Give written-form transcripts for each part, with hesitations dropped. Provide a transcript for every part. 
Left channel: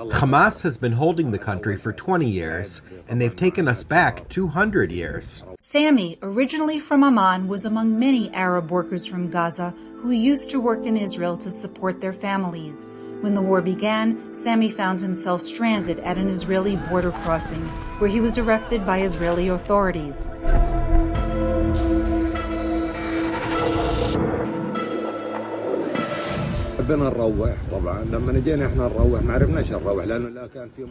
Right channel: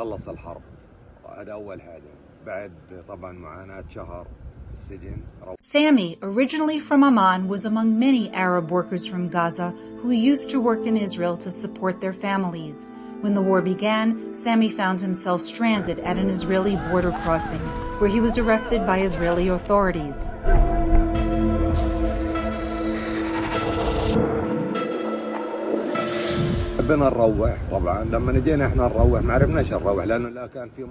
Hamas has been holding the country for 20 years, and they've taken us back 200 years. Sammy, originally from Amman, was among many Arab workers from Gaza who used to work in Israel to support their families. When the war began, Sammy found himself stranded at an Israeli border crossing, where he was arrested by Israeli authorities. The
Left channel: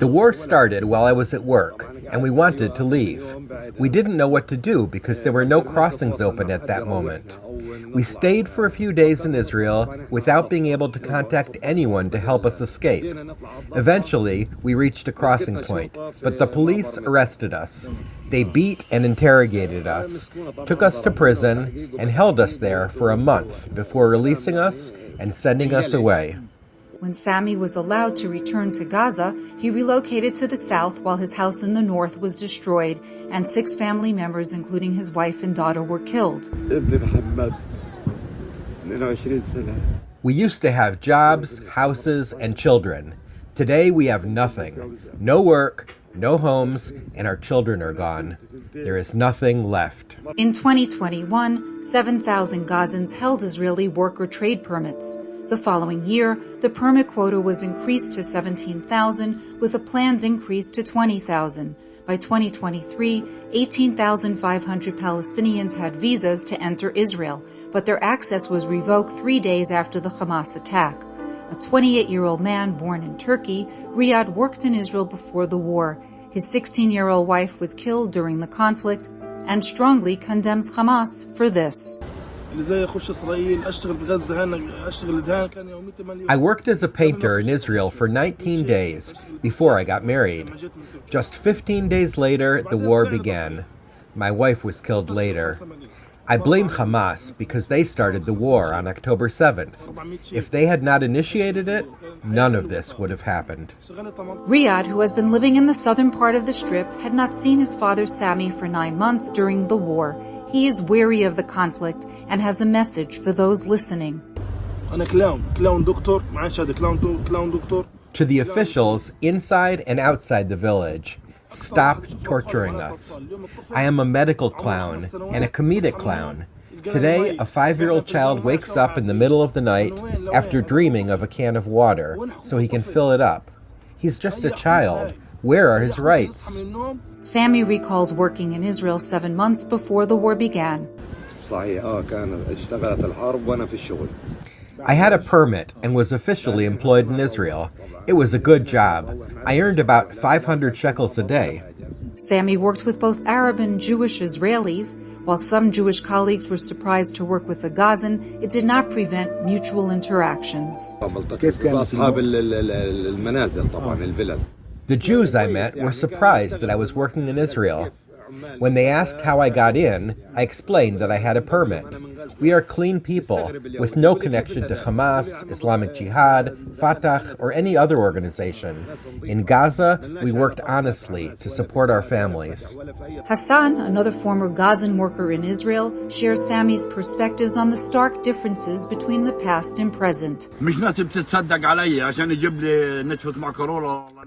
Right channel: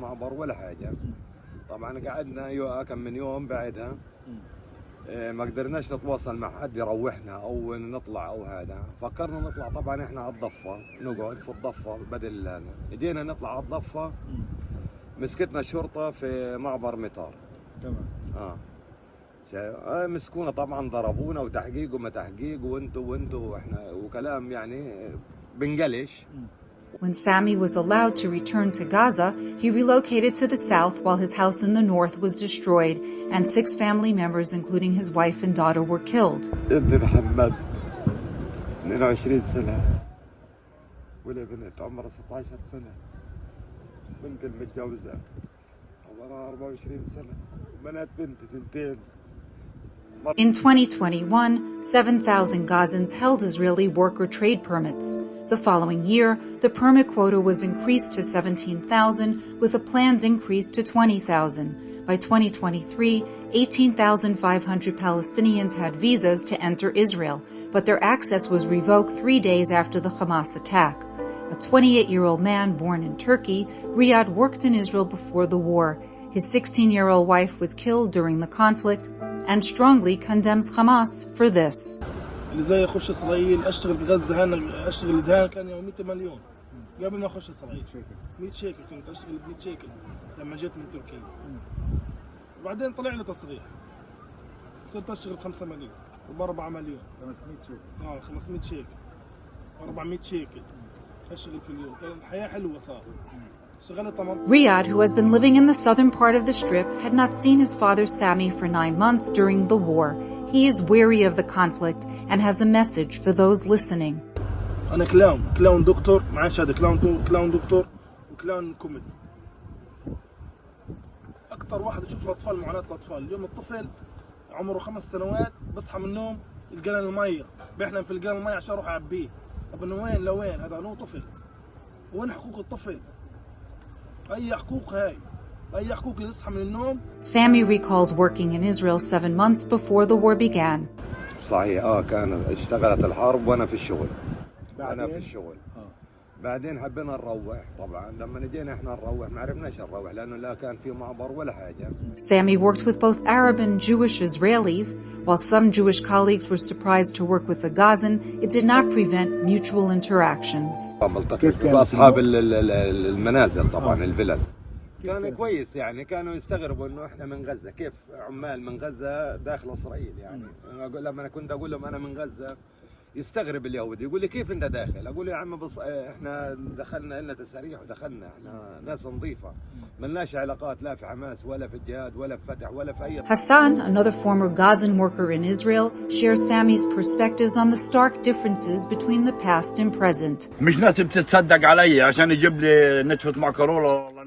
war started while I was at work, and we wanted to leave. We didn't know what to do because there were no crossings open at that moment. We stayed for a few days in Israel without being able to contact anyone to help us escape. Eventually, we reached a crossing point, but the police arrested us. They beat and interrogated us, took us to prison, and held us there for a month before releasing us and sending us away. When Sammy was allowed to return to Gaza, he relocated to the south while his house in the north was destroyed, and 6 family members, including his wife and daughter, were killed. We used to have jobs, houses, and children. Today we have nothing. No work, no homes, and our children are gone. There is nothing left. In 2021, 7,000 Gazans held Israeli work or trade permits. The following year, the permit quota was increased to 17,000, with a planned increase to 20,000. By 2023, 18,500 Palestinians had visas to enter Israel, but their access was revoked 3 days after the Hamas attack. A 28-year-old man born in Turkey, Riyad worked in Israel before the war. His 16-year-old wife was killed during the conflict and strongly condemns Hamas for this. I worked as a painter in Israel for 19 days before I got married. Just 15 days later, the war began. My wife was killed later. I blame Hamas because they started the war on October 7th. If they had not initiated it, none of this would have happened. Riyad, who has been living in the southern part of the Strip, had not seen his father Sammy for 9 months during the war. He is weary of the conflict and has a message for those listening. To the officials inside and outside the village, stop torturing us. I am a medical clown and a comedic clown. Today, a 5-year-old child wakes up in the middle of the night after dreaming of a can of water so he can fill it up. He's just a child. Where are his rights? Sammy recalls working in Israel 7 months before the war began. I had a permit and was officially employed in Israel. It was a good job. I earned about 500 shekels a day. Sammy worked with both Arab and Jewish Israelis. While some Jewish colleagues were surprised to work with the Gazan, it did not prevent mutual interactions. The Jews I met were surprised that I was working in Israel. When they asked how I got in, I explained that I had a permit. We are clean people, with no connection to Hamas, Islamic Jihad, Fatah, or any other organization. In Gaza, we worked honestly to support our families. Hassan, another former Gazan worker in Israel, shares Sammy's perspectives on the stark differences between the past and present.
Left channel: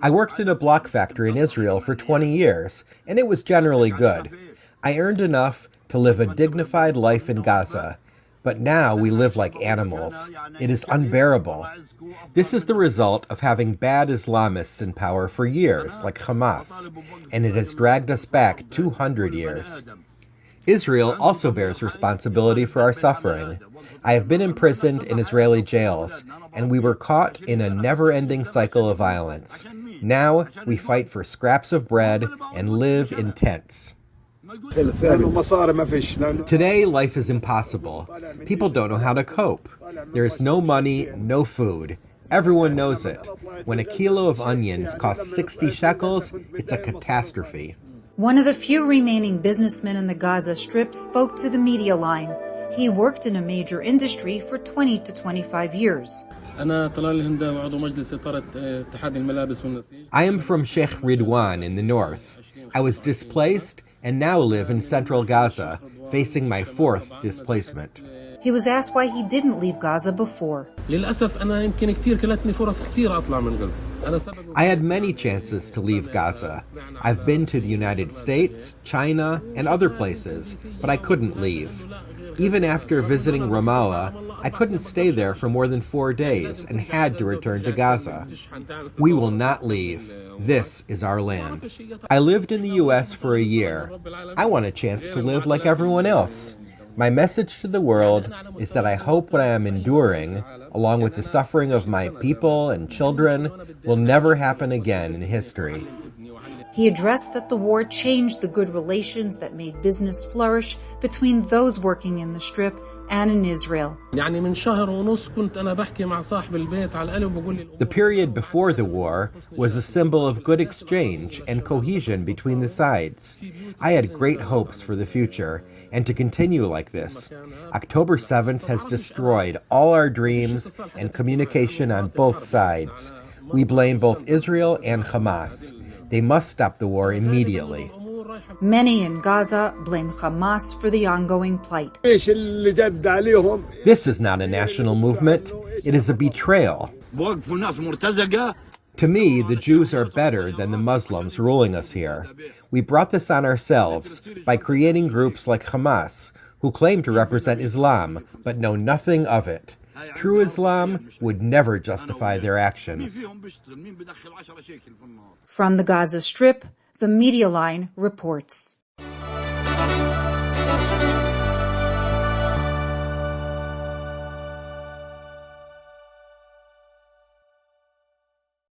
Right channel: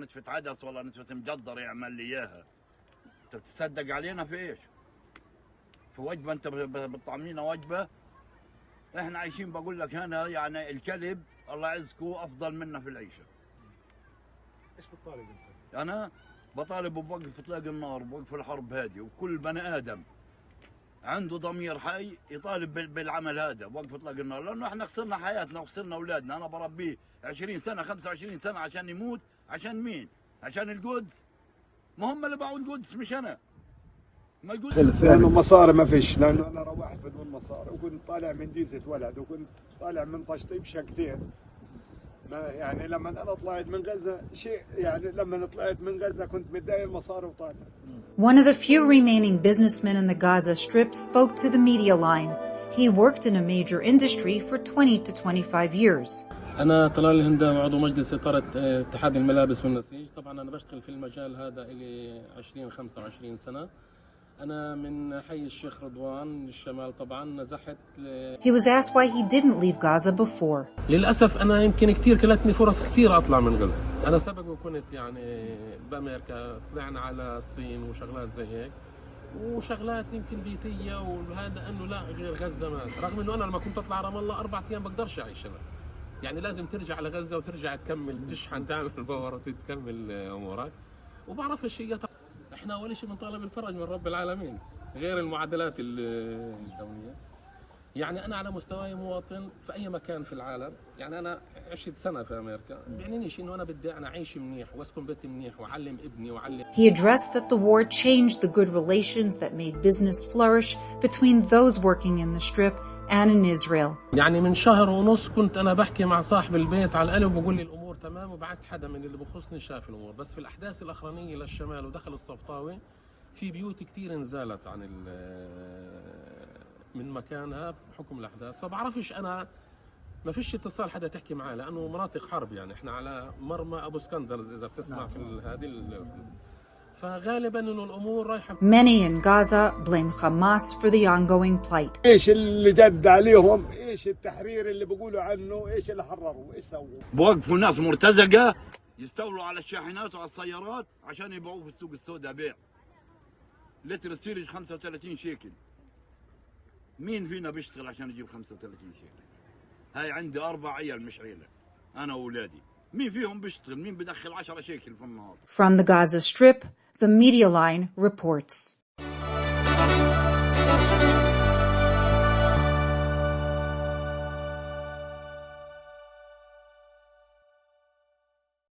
I worked in a block factory in Israel for 20 years, and it was generally good. I earned enough to live a dignified life in Gaza, but now we live like animals. It is unbearable. This is the result of having bad Islamists in power for years, like Hamas, and it has dragged us back 200 years. Israel also bears responsibility for our suffering. I have been imprisoned in Israeli jails, and we were caught in a never-ending cycle of violence. Now we fight for scraps of bread and live in tents. Today, life is impossible. People don't know how to cope. There is no money, no food. Everyone knows it. When a kilo of onions costs 60 shekels, it's a catastrophe. One of the few remaining businessmen in the Gaza Strip spoke to the media line. He worked in a major industry for 20 to 25 years. I am from Sheikh Ridwan in the north. I was displaced and now live in central Gaza, facing my 4th displacement. He was asked why he didn't leave Gaza before. I had many chances to leave Gaza. I've been to the United States, China, and other places, but I couldn't leave. Even after visiting Ramallah, I couldn't stay there for more than 4 days and had to return to Gaza. We will not leave. This is our land. I lived in the U.S. for a year. I want a chance to live like everyone else. My message to the world is that I hope what I am enduring, along with the suffering of my people and children, will never happen again in history. He addressed that the war changed the good relations that made business flourish between those working in the Strip and in Israel. The period before the war was a symbol of good exchange and cohesion between the sides. I had great hopes for the future and to continue like this. October 7th has destroyed all our dreams and communication on both sides. We blame both Israel and Hamas. They must stop the war immediately. Many in Gaza blame Hamas for the ongoing plight. This is not a national movement. It is a betrayal. To me, the Jews are better than the Muslims ruling us here. We brought this on ourselves by creating groups like Hamas, who claim to represent Islam, but know nothing of it. True Islam would never justify their actions. From the Gaza Strip, the Media Line reports.